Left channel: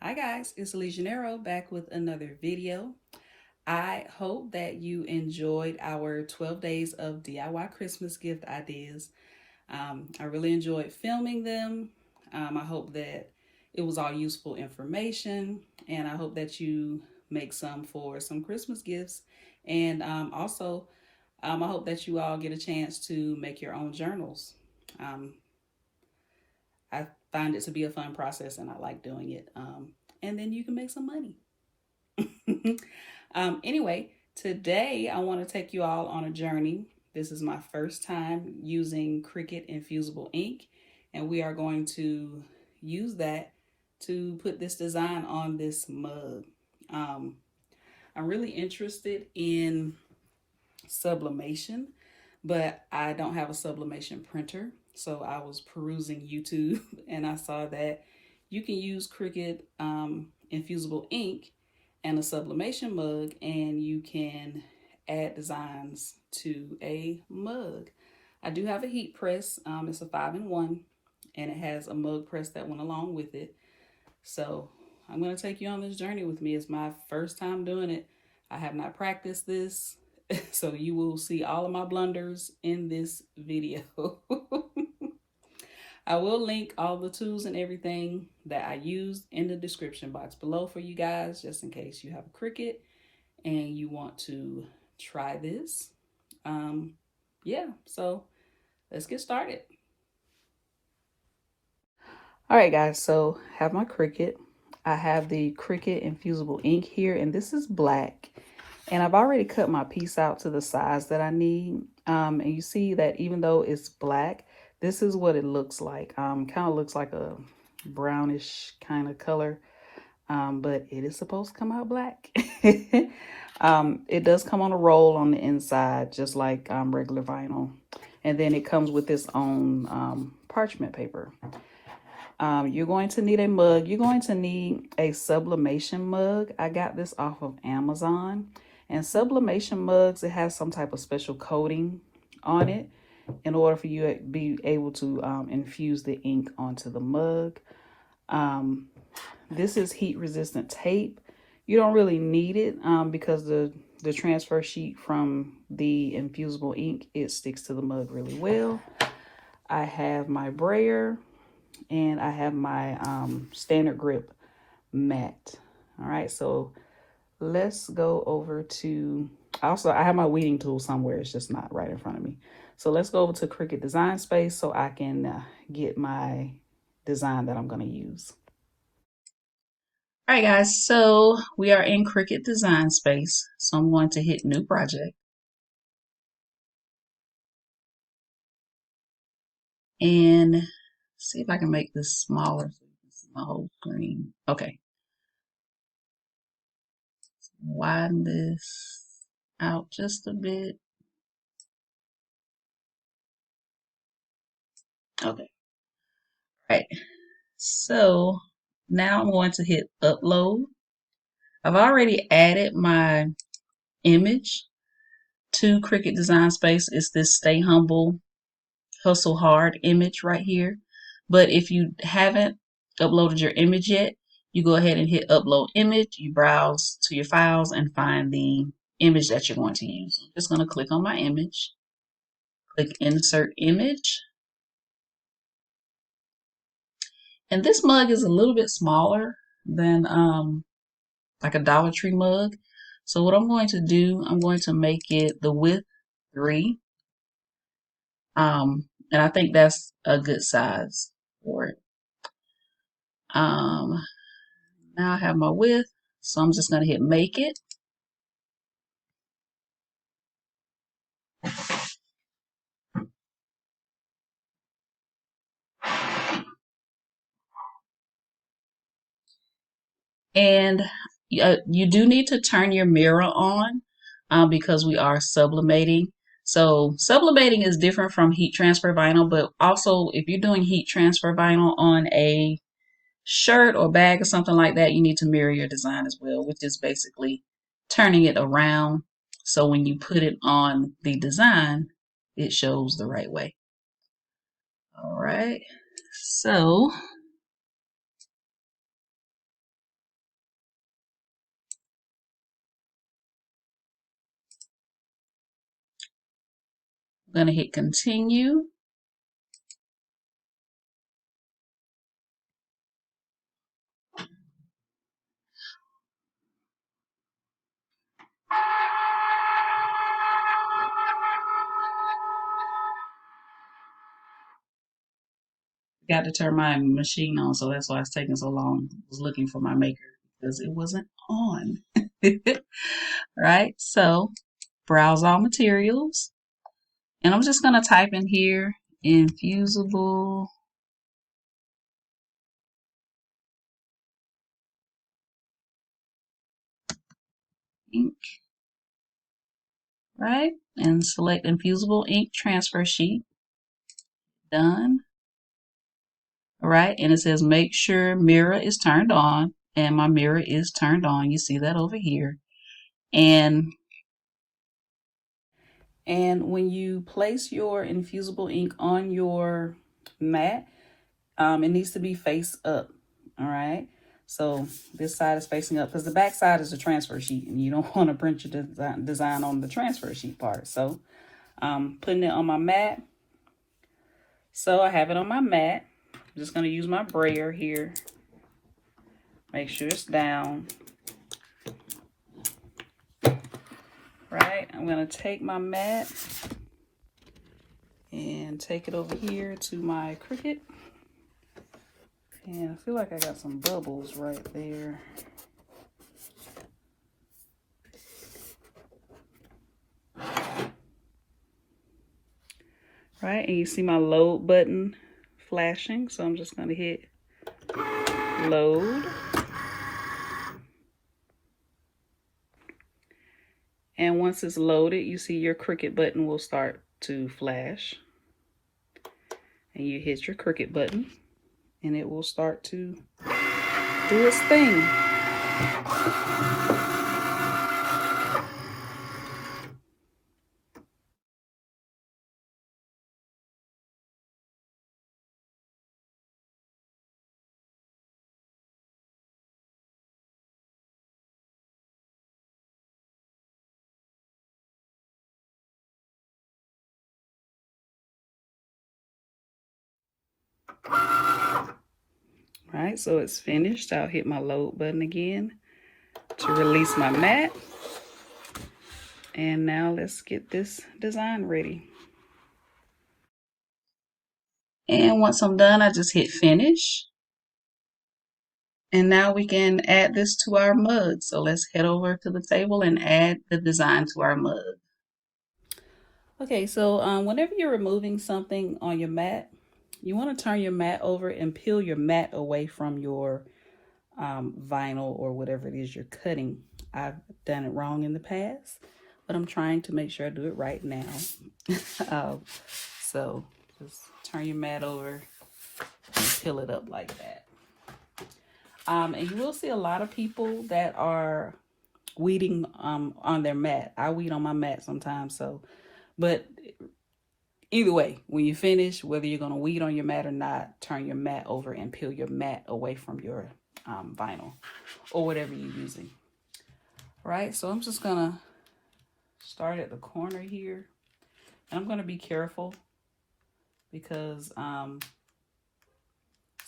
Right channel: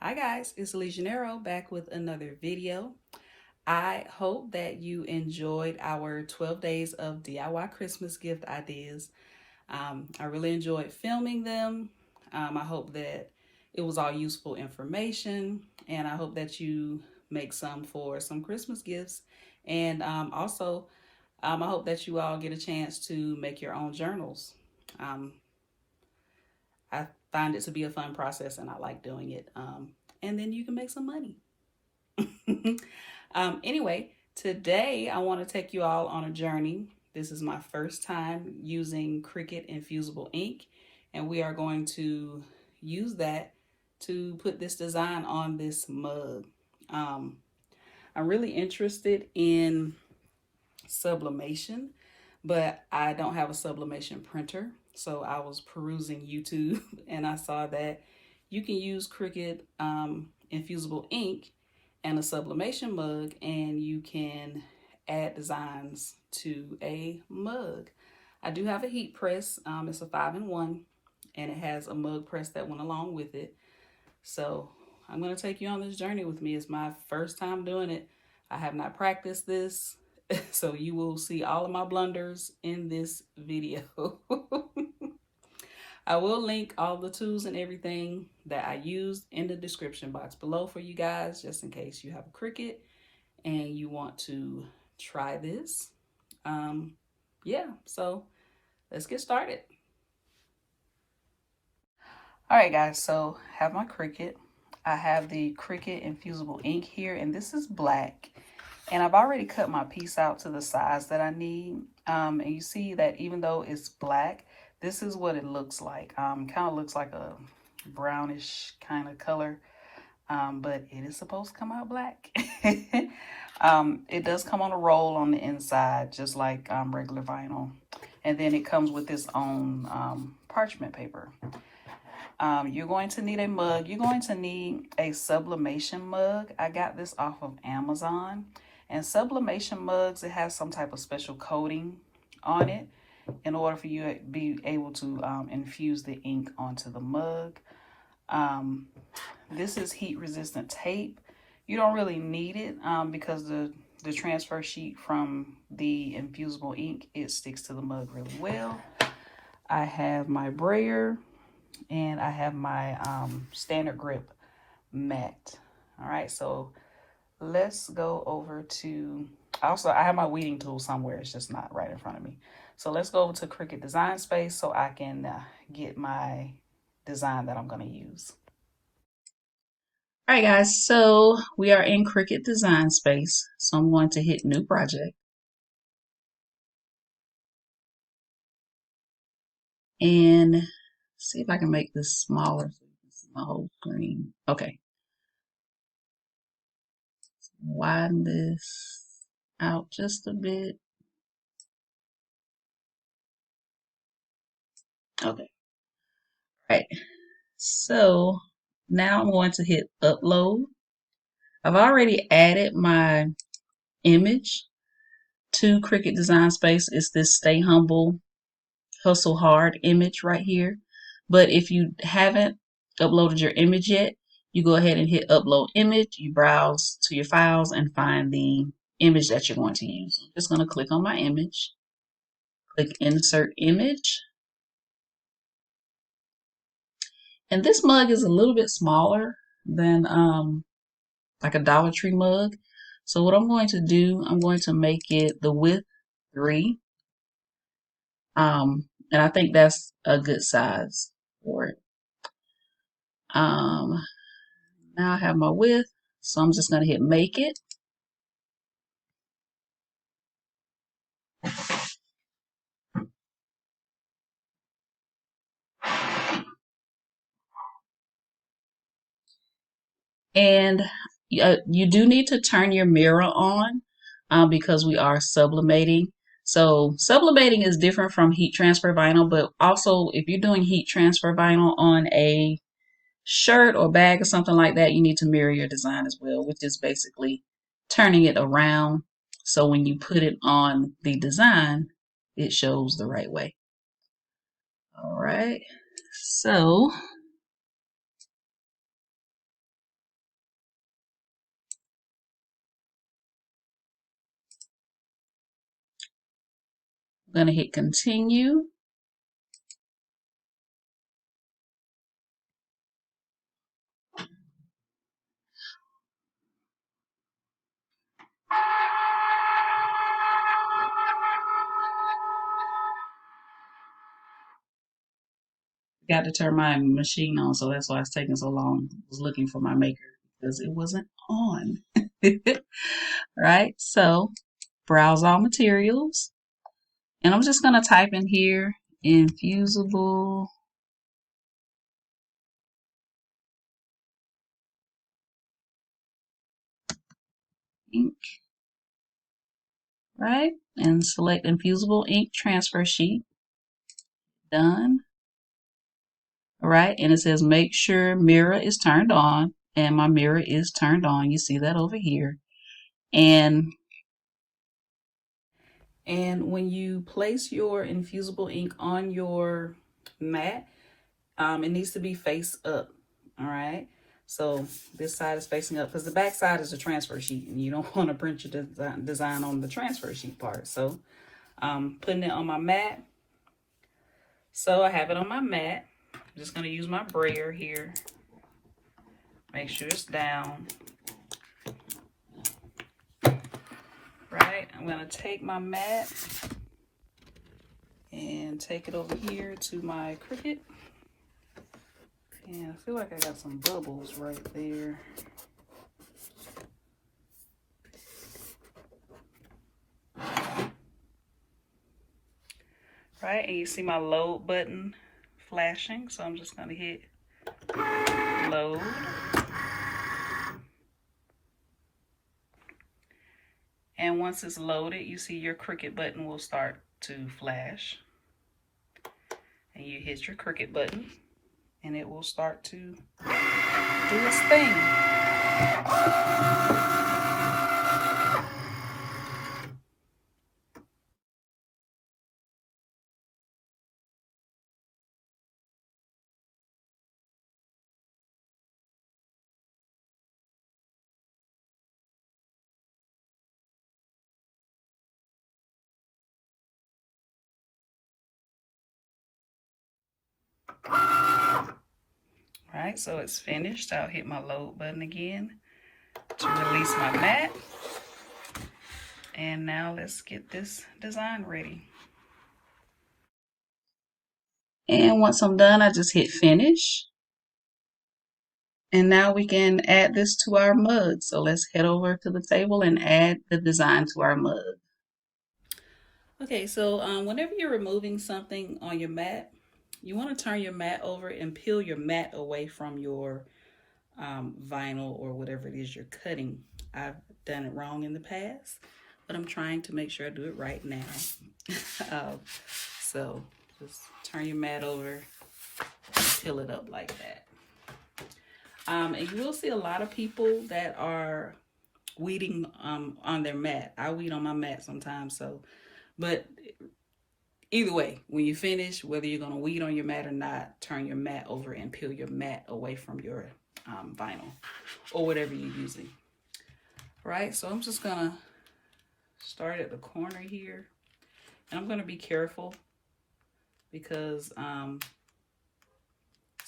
Hi guys, it's Legionero back with another video. I hope that you enjoyed our 12 days of DIY Christmas gift ideas. I really enjoyed filming them. I hope that it was all useful information, and I hope that you make some for some Christmas gifts. And I hope that you all get a chance to make your own journals. Um, I find it to be a fun process and I like doing it. And then you can make some money. Anyway, today I want to take you all on a journey. This is my first time using Cricut Infusible Ink, and we are going to use that to put this design on this mug. Um, I'm really interested in sublimation, but I don't have a sublimation printer. So I was perusing YouTube and I saw that you can use Cricut Infusible Ink and a sublimation mug, and you can add designs to a mug. I do have a heat press. It's a 5-in-1, and it has a mug press that went along with it. So I'm going to take you on this journey with me. It's my first time doing it. I have not practiced this, so you will see all of my blunders in this video. I will link all the tools and everything that I used in the description box below for you guys, just in case you have a Cricut and you want to try this. Yeah, so let's get started. All right, guys, so I have my Cricut. I have the Cricut Infusible Ink here, and this is black. And I've already cut my piece out to the size that I need. And you see that even though it's black, this is what it looks like. Kind of looks like a brownish kind of color, but it is supposed to come out black. It does come on a roll on the inside, just like regular vinyl. And then it comes with its own parchment paper. You're going to need a mug. You're going to need a sublimation mug. I got this off of Amazon. And sublimation mugs, it has some type of special coating on it in order for you to be able to infuse the ink onto the mug. This is heat resistant tape. You don't really need it because the transfer sheet from the infusible ink, it sticks to the mug really well. I have my brayer and I have my standard grip mat. All right, so let's go over to, also I have my weeding tool somewhere, it's just not right in front of me. So let's go over to Cricut Design Space so I can get my design that I'm going to use. All right, guys, so we are in Cricut Design Space. So I'm going to hit New Project. And see if I can make this smaller so you can see my whole screen. Okay. Widen this out just a bit. Okay. All right. So now I'm going to hit upload. I've already added my image to Cricut Design Space. It's this Stay Humble, Hustle Hard image right here. But if you haven't uploaded your image yet, you go ahead and hit upload image. You browse to your files and find the image that you're going to use. I'm just going to click on my image, click insert image. And this mug is a little bit smaller than like a Dollar Tree mug. So what I'm going to do, I'm going to make it the width 3. And I think that's a good size for it. Now I have my width, so I'm just going to hit make it. And you do need to turn your mirror on because we are sublimating. So sublimating is different from heat transfer vinyl, but also if you're doing heat transfer vinyl on a shirt or bag or something like that, you need to mirror your design as well, which is basically turning it around. So when you put it on the design, it shows the right way. All right. So I'm going to hit continue. Got to turn my machine on, so that's why it's taking so long. I was looking for my maker because it wasn't on. Right, so browse all materials, and I'm just going to type in here Infusible Ink, right, and select Infusible Ink transfer sheet. Done. All right, and it says make sure mirror is turned on, and my mirror is turned on. You see that over here. And when you place your infusible ink on your mat, it needs to be face up. All right, so this side is facing up because the back side is the transfer sheet, and you don't want to print your design on the transfer sheet part. So putting it on my mat. So I have it on my mat. I'm just going to use my brayer here. Make sure it's down. Right, I'm going to take my mat and take it over here to my Cricut. And I feel like I got some bubbles right there. Right, and you see my load button flashing, so I'm just going to hit load. And once it's loaded, you see your Cricut button will start to flash. And you hit your Cricut button, and it will start to do its thing. All right, so it's finished. I'll hit my load button again to release my mat. And now let's get this design ready. And once I'm done, I just hit finish. And now we can add this to our mug. So let's head over to the table and add the design to our mug. Okay, so whenever you're removing something on your mat, you want to turn your mat over and peel your mat away from your vinyl or whatever it is you're cutting. I've done it wrong in the past, but I'm trying to make sure I do it right now. So just turn your mat over and peel it up like that. And you will see a lot of people that are weeding on their mat. I weed on my mat sometimes, so, but either way, when you finish, whether you're going to weed on your mat or not, turn your mat over and peel your mat away from your vinyl or whatever you're using. Right, so I'm just going to start at the corner here. And I'm going to be careful because some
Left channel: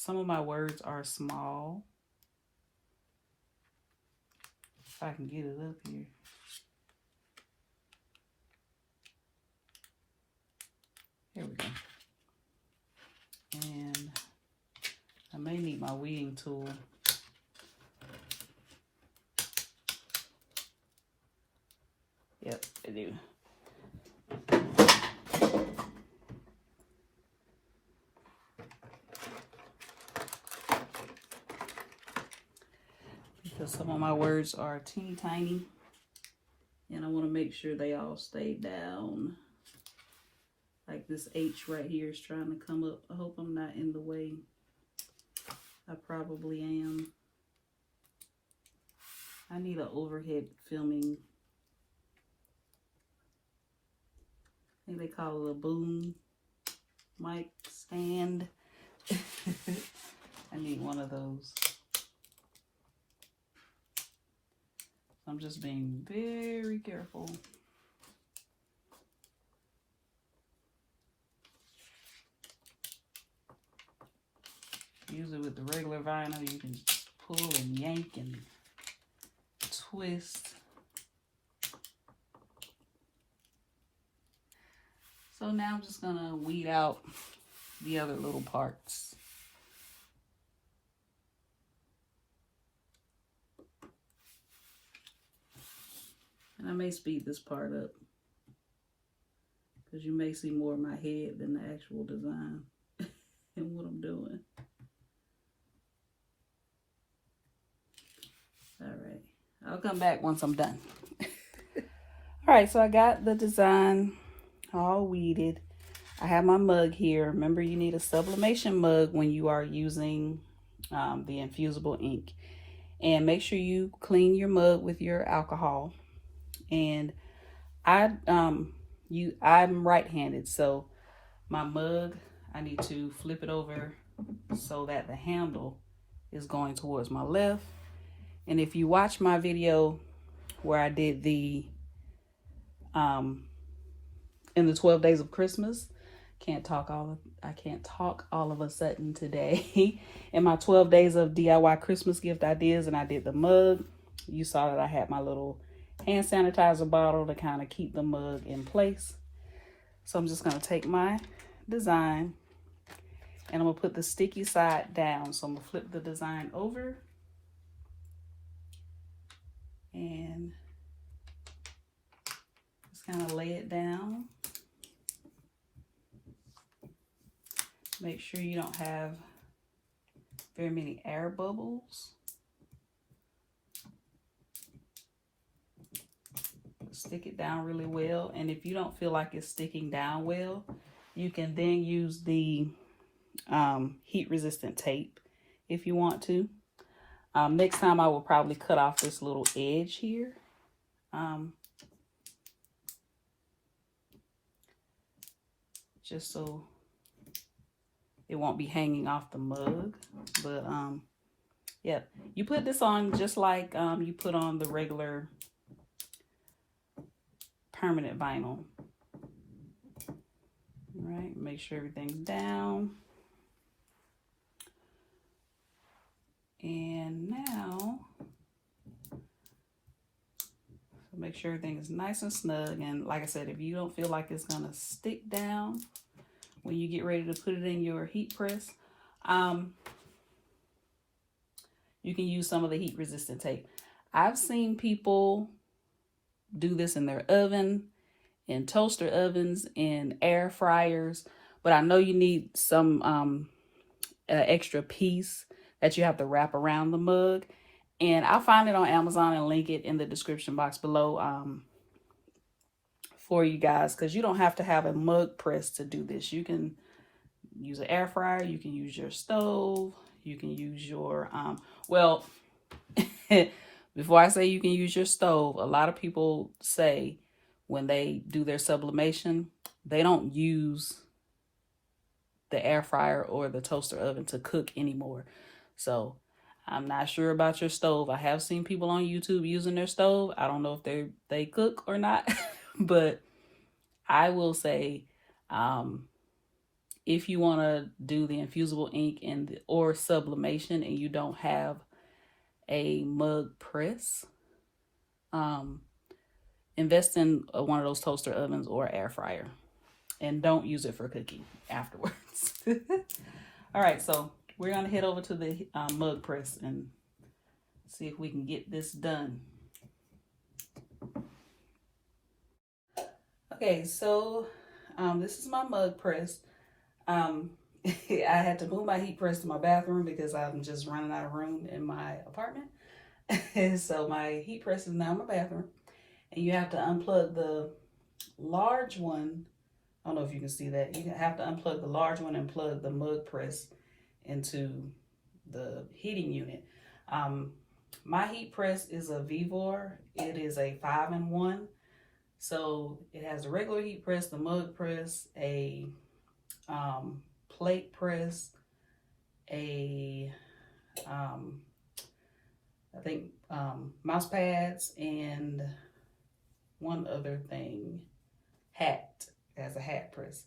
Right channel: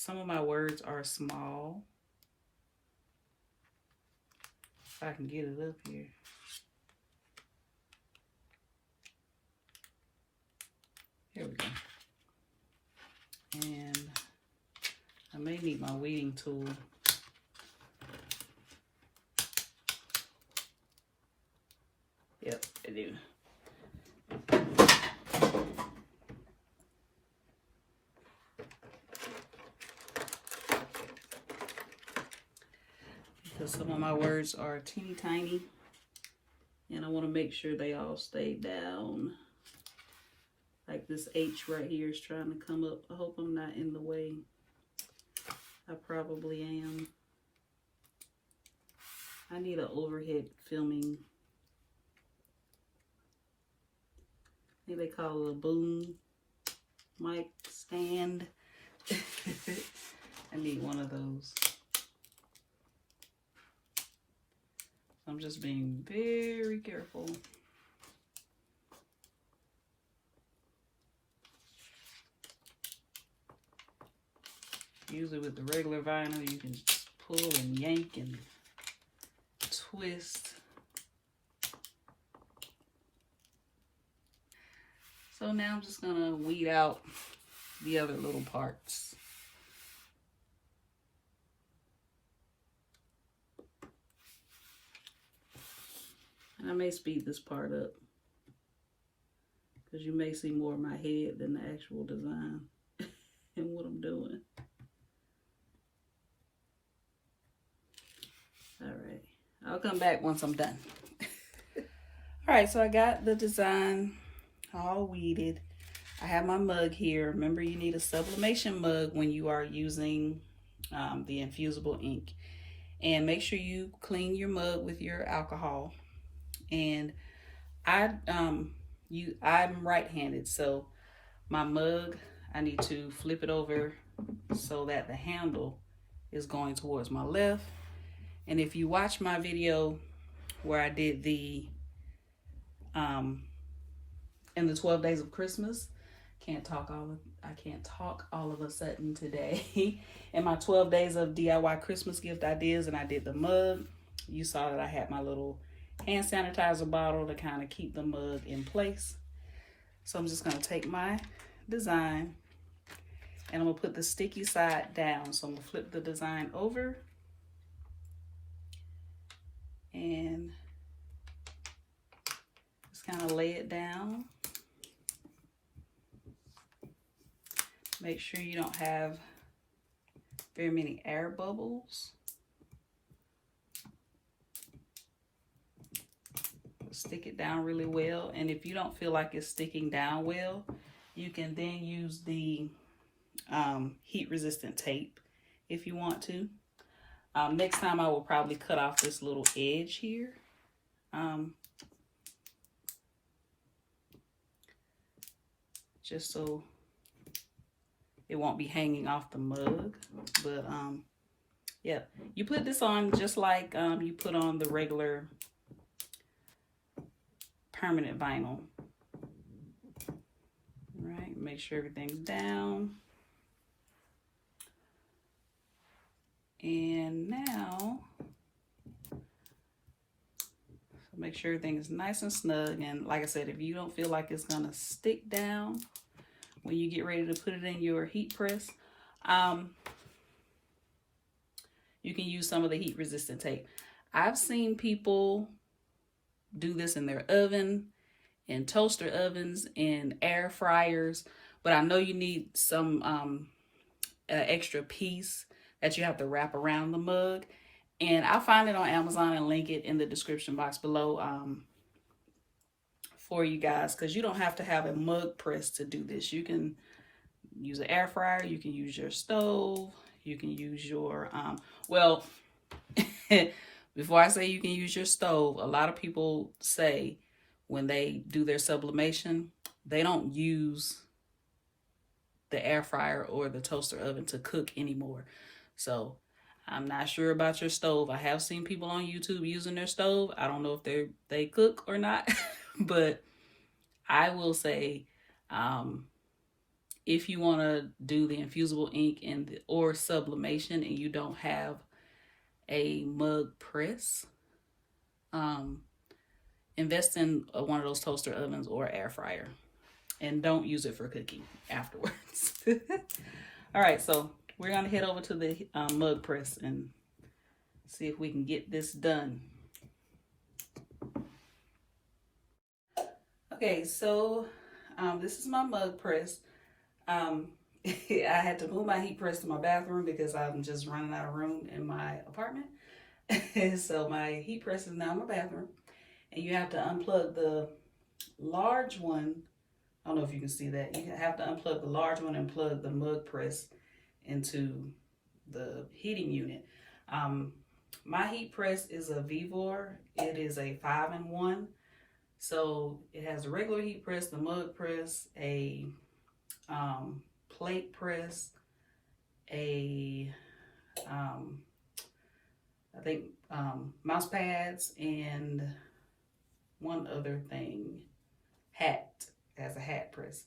of my words are small. If I can get it up here. Here we go. And I may need my weeding tool. Yep, I do. Because some of my words are teeny tiny. And I want to make sure they all stay down. Like this H right here is trying to come up. I hope I'm not in the way. I probably am. I need an overhead filming. I think they call it a boom mic stand. I need one of those. I'm just being very careful. Usually with the regular vinyl, you can pull and yank and twist. So now I'm just gonna weed out the other little parts. And I may speed this part up because you may see more of my head than the actual design and what I'm doing. All right, I'll come back once I'm done. All right, so I got the design all weeded. I have my mug here. Remember, you need a sublimation mug when you are using the infusible ink. And make sure you clean your mug with your alcohol. And I'm right-handed, so my mug, I need to flip it over so that the handle is going towards my left. And if you watch my video where I did the in the 12 days of Christmas, I can't talk all of a sudden today. In my 12 days of DIY Christmas gift ideas, and I did the mug, you saw that I had my little hand sanitizer bottle to kind of keep the mug in place. So I'm just going to take my design and I'm going to put the sticky side down. So I'm going to flip the design over and just kind of lay it down. Make sure you don't have very many air bubbles. Stick it down really well. And if you don't feel like it's sticking down well, you can then use the heat resistant tape if you want to. Next time I will probably cut off this little edge here. Just so it won't be hanging off the mug. But yeah, you put this on just like you put on the regular permanent vinyl. All right, make sure everything's down. And now, so make sure everything is nice and snug. And like I said, if you don't feel like it's gonna stick down when you get ready to put it in your heat press, you can use some of the heat resistant tape. I've seen people do this in their oven, in toaster ovens, in air fryers, but I know you need some extra piece that you have to wrap around the mug. And I'll find it on Amazon and link it in the description box below for you guys, because you don't have to have a mug press to do this. You can use an air fryer, you can use your stove, you can use your, well, before I say you can use your stove, a lot of people say when they do their sublimation, they don't use the air fryer or the toaster oven to cook anymore. So I'm not sure about your stove. I have seen people on YouTube using their stove. I don't know if they cook or not, but I will say, if you want to do the infusible ink or sublimation and you don't have a mug press, invest in one of those toaster ovens or air fryer, and don't use it for cooking afterwards. All right, so we're gonna head over to the mug press and see if we can get this done. Okay, so this is my mug press. I had to move my heat press to my bathroom because I'm just running out of room in my apartment. So my heat press is now in my bathroom. And you have to unplug the large one. I don't know if you can see that. You have to unplug the large one and plug the mug press into the heating unit. My heat press is a Vivor. It is a 5-in-1. So it has a regular heat press, the mug press, a plate press, a I think mouse pads, and one other thing, hat. It has a hat press.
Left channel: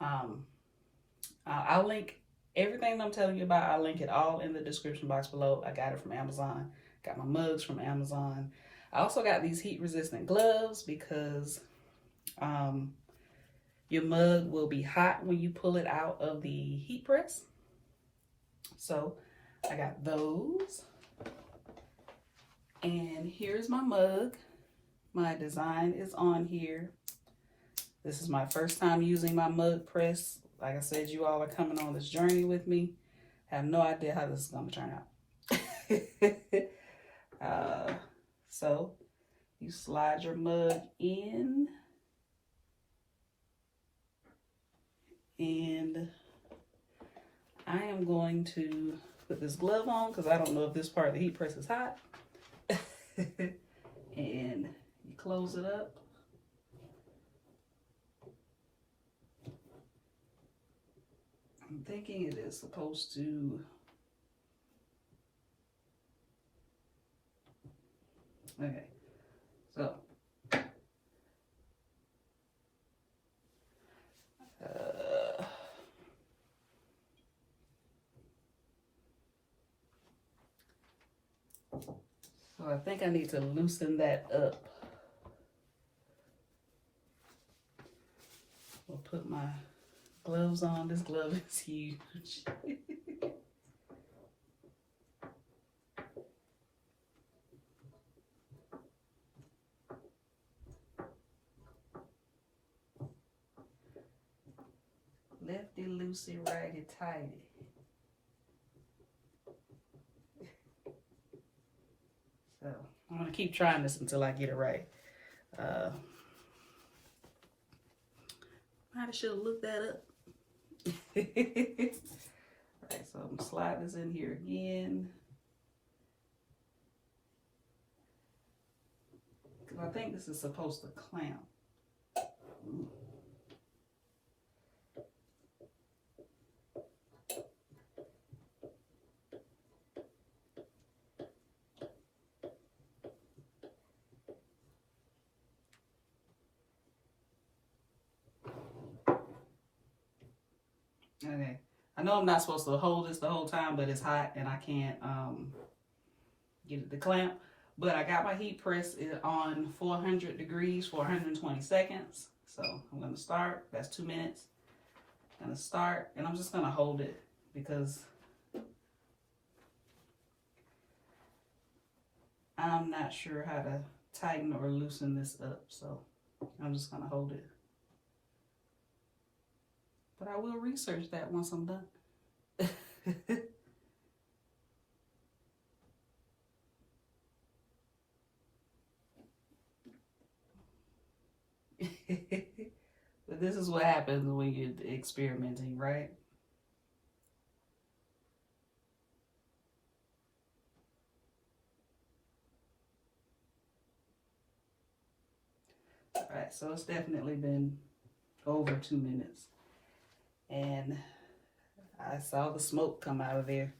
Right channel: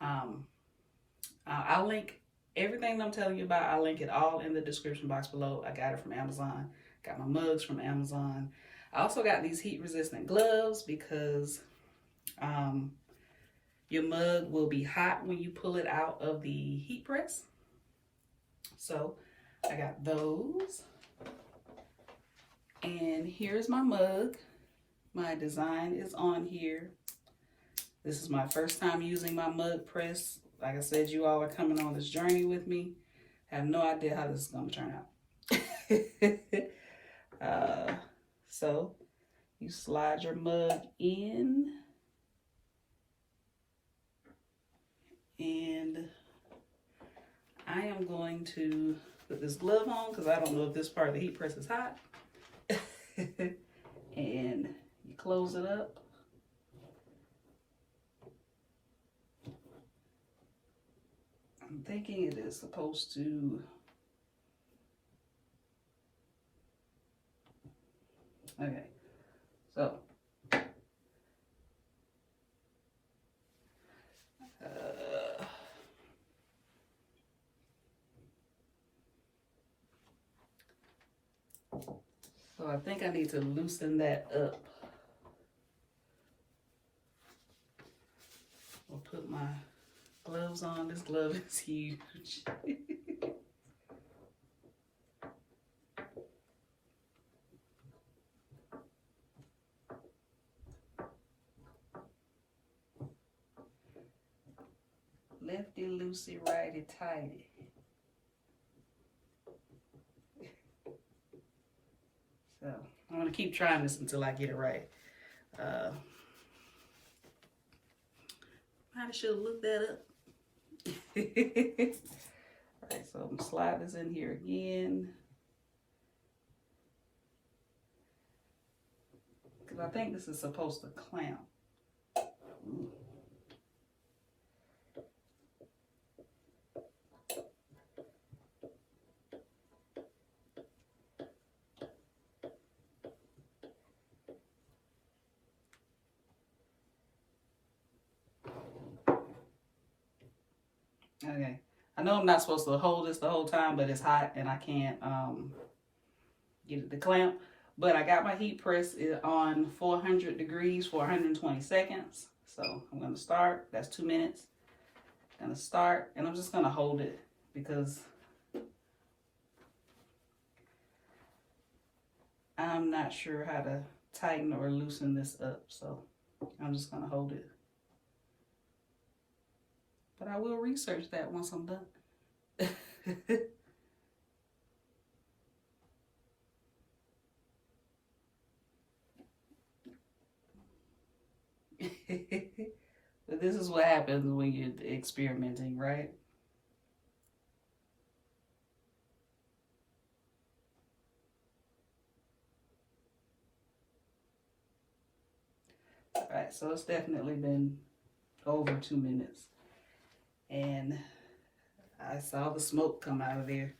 I'll link Everything I'm telling you about, I'll link it all in the description box below. I got it from Amazon. Got my mugs from Amazon. I also got these heat resistant gloves because your mug will be hot when you pull it out of the heat press. So I got those. And here's my mug. My design is on here. This is my first time using my mug press. Like I said, you all are coming on this journey with me. I have no idea how this is going to turn out. So you slide your mug in, and I am going to put this glove on because I don't know if this part of the heat press is hot. And you close it up. I'm thinking it is supposed to, okay, so so I think I need to loosen that up. I'll put my gloves on. This glove is huge. Lefty loosey, righty tighty. So I'm gonna keep trying this until I get it right. I should have looked that up. Alright, so I'm gonna slide this in here again. Because I think this is supposed to clamp. Okay, I know I'm not supposed to hold this the whole time, but it's hot and I can't get it to clamp. But I got my heat press on 400 degrees for 120 seconds. So I'm gonna start, that's 2 minutes. I'm gonna start, and I'm just gonna hold it because I'm not sure how to tighten or loosen this up. So I'm just gonna hold it. But I will research that once I'm done. But this is what happens when you're experimenting, right? All right, so it's definitely been over 2 minutes. And I saw the smoke come out of there.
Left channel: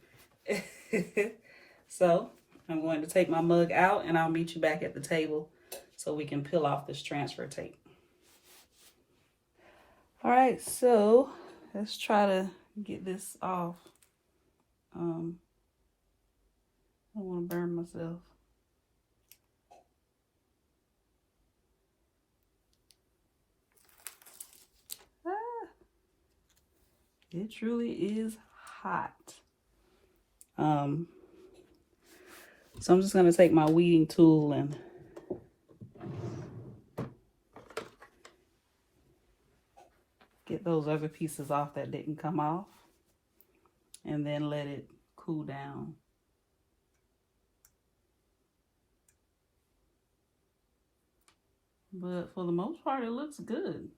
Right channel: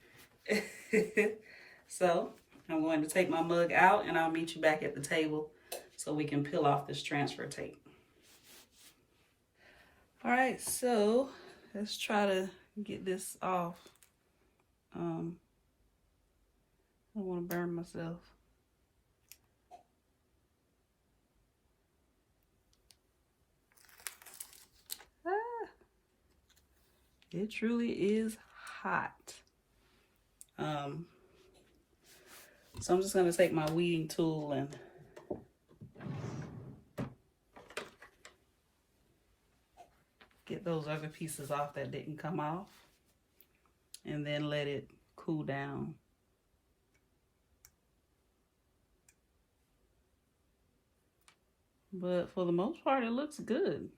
So I'm going to take my mug out and I'll meet you back at the table so we can peel off this transfer tape. All right, so let's try to get this off. I don't want to burn myself. It truly is hot. So I'm just gonna take my weeding tool and get those other pieces off that didn't come off, and then let it cool down. But for the most part, it looks good.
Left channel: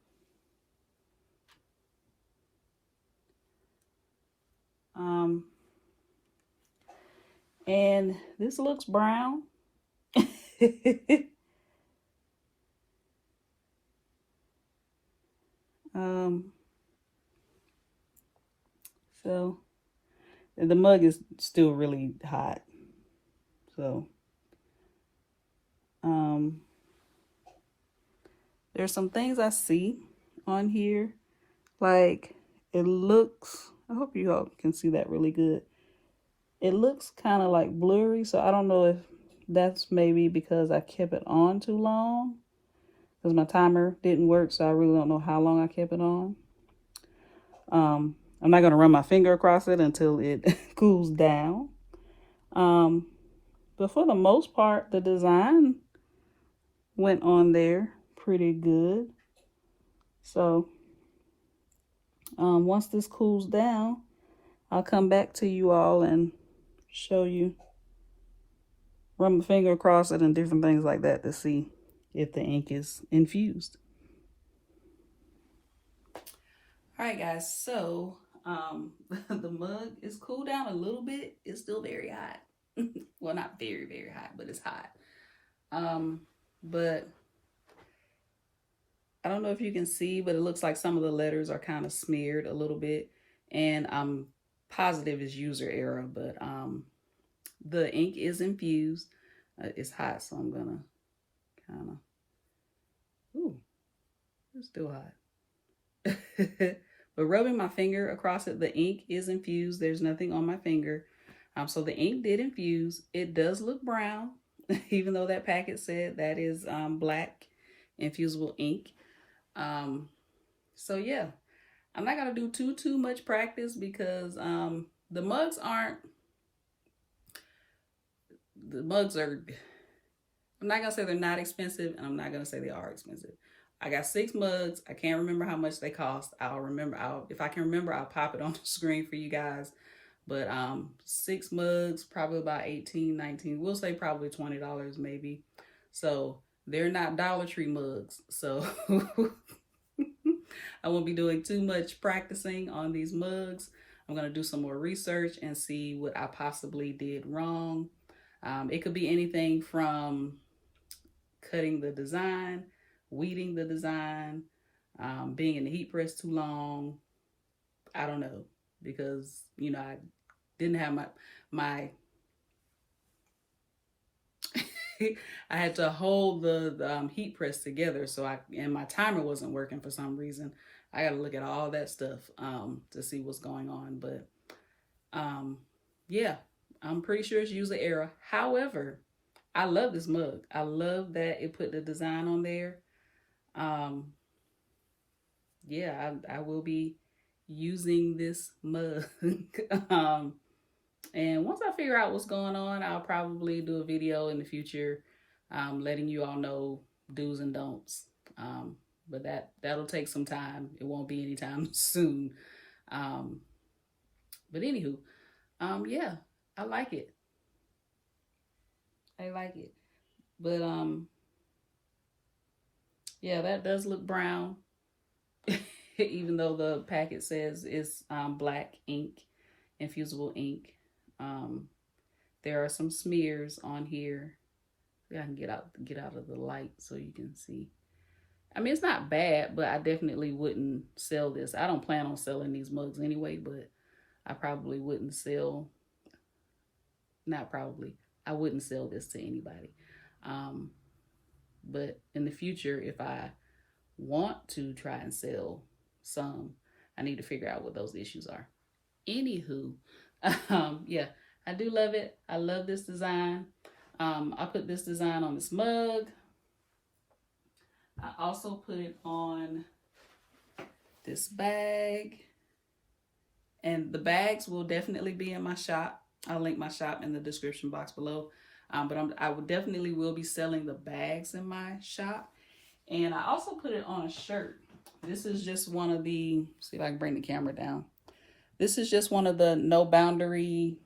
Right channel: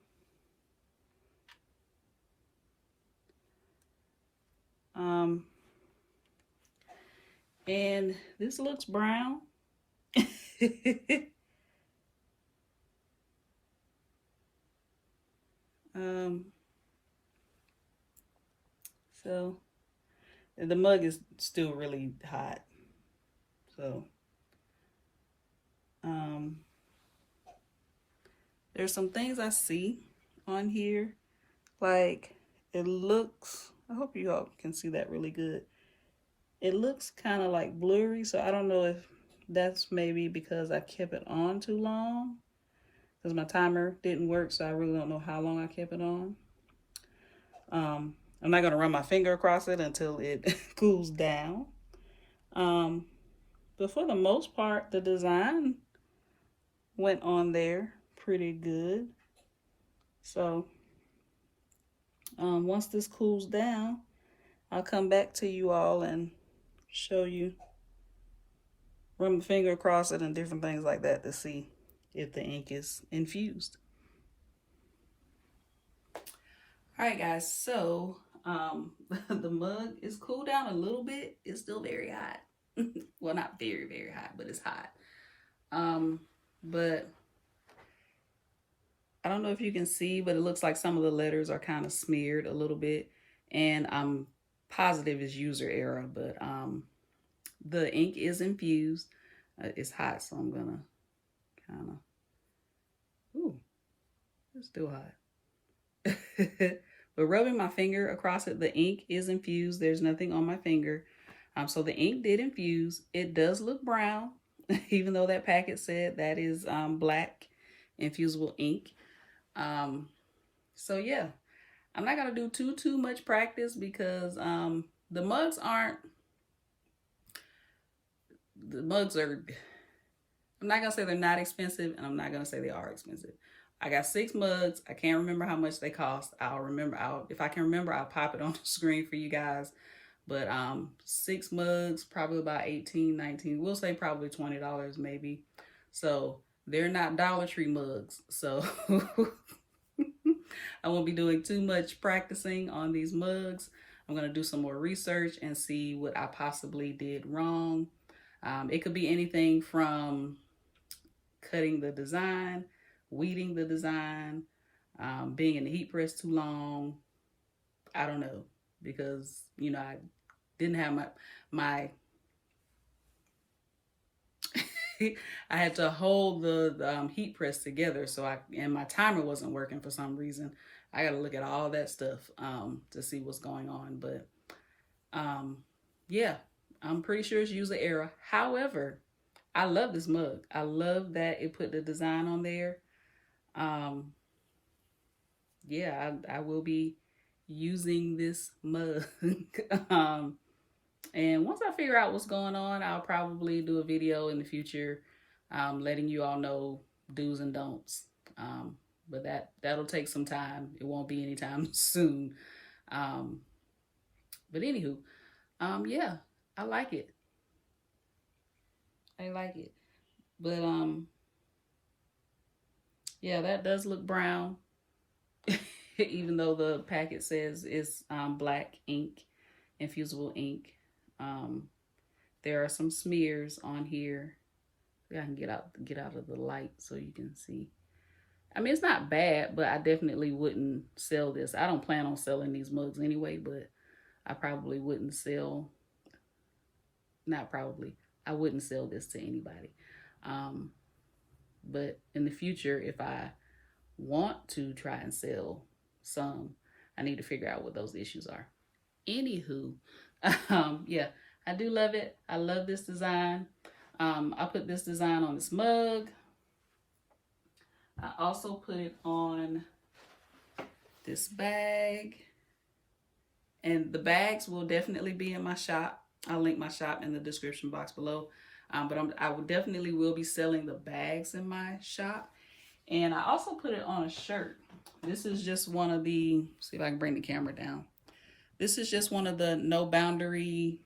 And this looks brown. So the mug is still really hot. So there's some things I see on here, like it looks, I hope you all can see that really good. It looks kind of like blurry, so I don't know if that's maybe because I kept it on too long, because my timer didn't work, so I really don't know how long I kept it on. I'm not going to run my finger across it until it cools down. Um, but for the most part, the design went on there pretty good. So once this cools down, I'll come back to you all and show you, run my finger across it and different things like that to see if the ink is infused. All right, guys, so the mug is cooled down a little bit. It's still very hot. Well, not very, very hot, but it's hot. But I don't know if you can see, but it looks like some of the letters are kind of smeared a little bit. And I'm positive it's user error, but the ink is infused. It's hot, so I'm gonna kind of, ooh, it's still hot. But rubbing my finger across it, the ink is infused. There's nothing on my finger. So the ink did infuse. It does look brown, even though that packet said that is black infusible ink. So yeah, I'm not gonna do too much practice because the mugs are, I'm not gonna say they're not expensive, and I'm not gonna say they are expensive. I got 6 mugs. I can't remember how much they cost. If I can remember, I'll pop it on the screen for you guys. But 6 mugs, probably about 18, 19. We'll say probably $20 maybe. So they're not Dollar Tree mugs. So I won't be doing too much practicing on these mugs. I'm gonna do some more research and see what I possibly did wrong. It could be anything from cutting the design, weeding the design, being in the heat press too long. I don't know, because I didn't have my I had to hold the heat press together, and my timer wasn't working for some reason. I got to look at all that stuff to see what's going on. But yeah, I'm pretty sure it's user error. However, I love this mug. I love that it put the design on there. Yeah, I will be using this mug. And once I figure out what's going on, I'll probably do a video in the future letting you all know do's and don'ts. But that'll take some time. It won't be anytime soon. But anywho, yeah, I like it. I like it. But yeah, that does look brown. Even though the packet says it's black ink, infusible ink. There are some smears on here. I can get out of the light so you can see. I mean, it's not bad, but I definitely wouldn't sell this. I don't plan on selling these mugs anyway, but I probably wouldn't sell, not probably, I wouldn't sell this to anybody. But in the future, if I want to try and sell some, I need to figure out what those issues are. Anywho, yeah, I do love it. I love this design. I put this design on this mug. I also put it on this bag. And the bags will definitely be in my shop. I'll link my shop in the description box below. But I will definitely be selling the bags in my shop. And I also put it on a shirt. This is just one of the, see if I can bring the camera down. This is just one of the No Boundary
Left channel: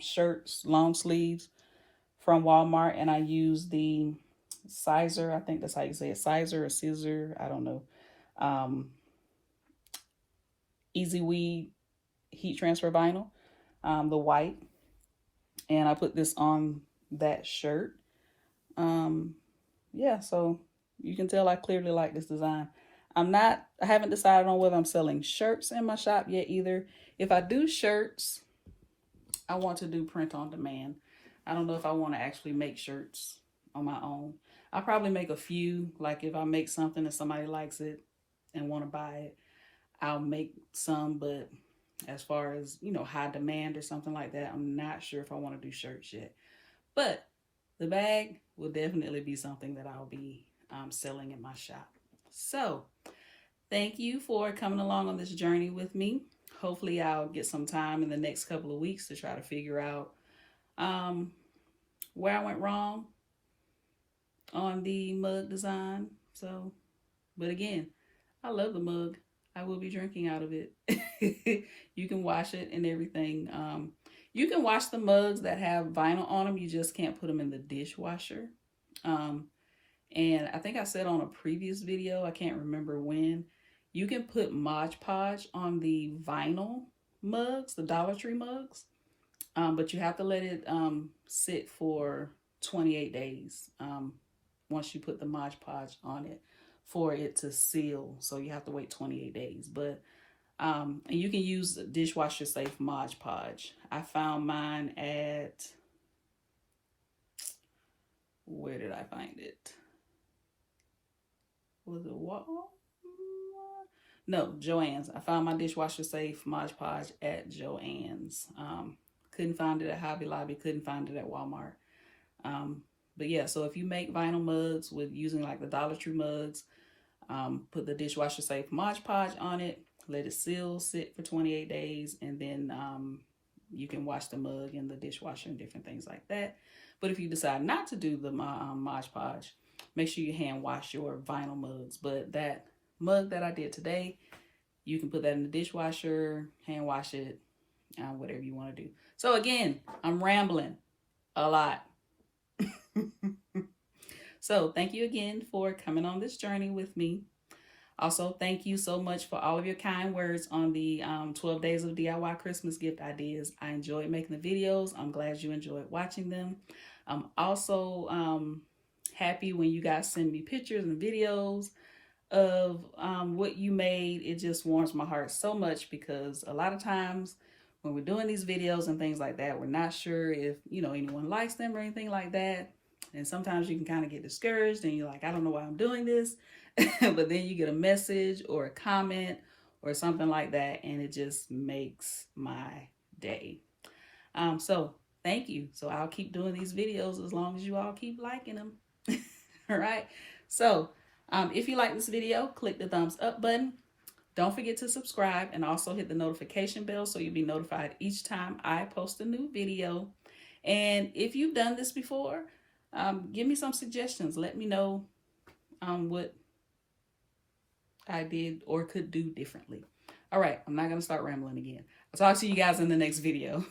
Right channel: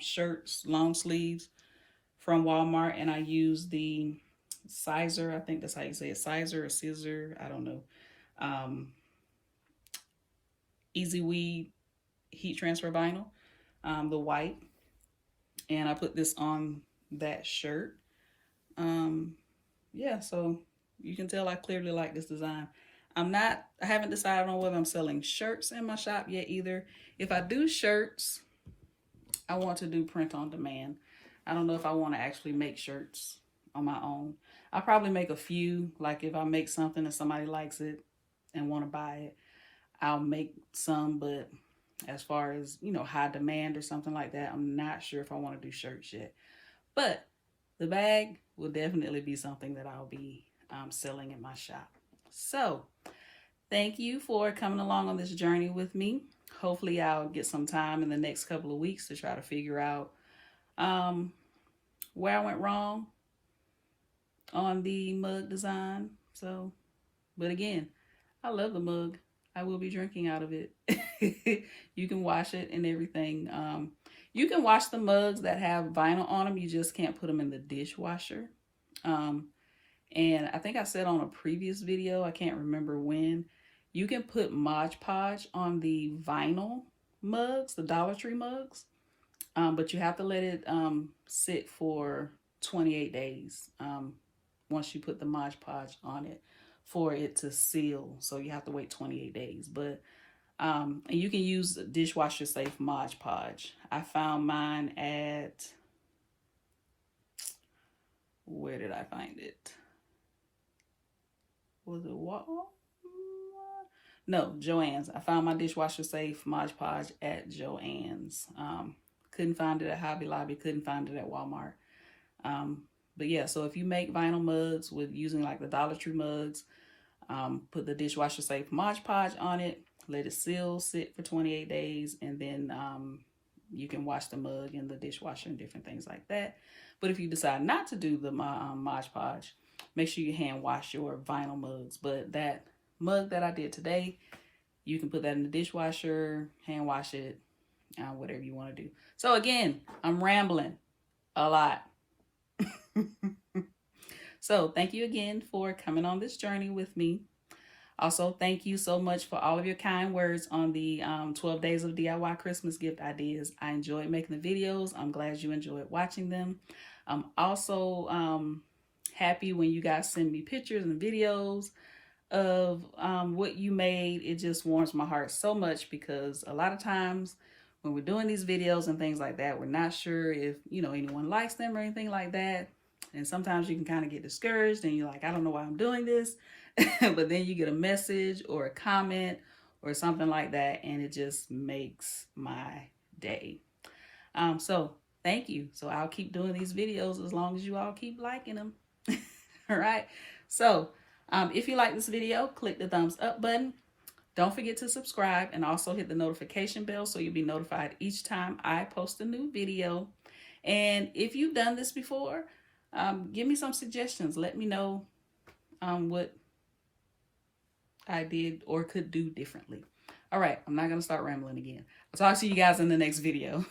shirts, long sleeves from Walmart. And I use the Sizer, I think that's how you say it, Sizer or Scissor, I don't know. Easy Weed heat transfer vinyl, the white. And I put this on that shirt. Yeah, so you can tell I clearly like this design. I haven't decided on whether I'm selling shirts in my shop yet either. If I do shirts, I want to do print on demand. I don't know if I want to actually make shirts on my own. I'll probably make a few, like if I make something and somebody likes it and want to buy it, I'll make some, but as far as, you know, high demand or something like that. I'm not sure if I want to do shirts yet, but the bag will definitely be something that I'll be selling in my shop. So thank you for coming along on this journey with me. Hopefully I'll get some time in the next couple of weeks to try to figure out where I went wrong on the mug design. So, but again, I love the mug. I will be drinking out of it. You can wash it and everything. You can wash the mugs that have vinyl on them. You just can't put them in the dishwasher. And I think I said on a previous video, I can't remember when, you can put Mod Podge on the vinyl mugs, the Dollar Tree mugs. But you have to let it sit for 28 days once you put the Mod Podge on it for it to seal. So you have to wait 28 days. But and you can use dishwasher safe Mod Podge. I found mine at, where did I find it? Was it Walmart? No, Joann's. I found my dishwasher safe Mod Podge at Joann's. Couldn't find it at Hobby Lobby. Couldn't find it at Walmart. But yeah, so if you make vinyl mugs with using like the Dollar Tree mugs, put the dishwasher safe Mod Podge on it, let it seal, sit for 28 days, and then you can wash the mug in the dishwasher and different things like that. But if you decide not to do the Mod Podge, make sure you hand wash your vinyl mugs. But that mug that I did today, you can put that in the dishwasher, hand wash it, whatever you want to do. So again, I'm rambling a lot. So thank you again for coming on this journey with me. Also, thank you so much for all of your kind words on the 12 days of DIY Christmas gift ideas. I enjoyed making the videos. I'm glad you enjoyed watching them. I'm also happy when you guys send me pictures and videos of what you made. It just warms my heart so much, because a lot of times when we're doing these videos and things like that, we're not sure if, you know, anyone likes them or anything like that. And sometimes you can kind of get discouraged and you're like, I don't know why I'm doing this. But then you get a message or a comment or something like that, and it just makes my day. So thank you. So I'll keep doing these videos as long as you all keep liking them. All right. So if you like this video, click the thumbs up button. Don't forget to subscribe and also hit the notification bell so you'll be notified each time I post a new video. And if you've done this before, give me some suggestions. Let me know what I did or could do differently. All right, I'm not going to start rambling again. I'll talk to you guys in the next video.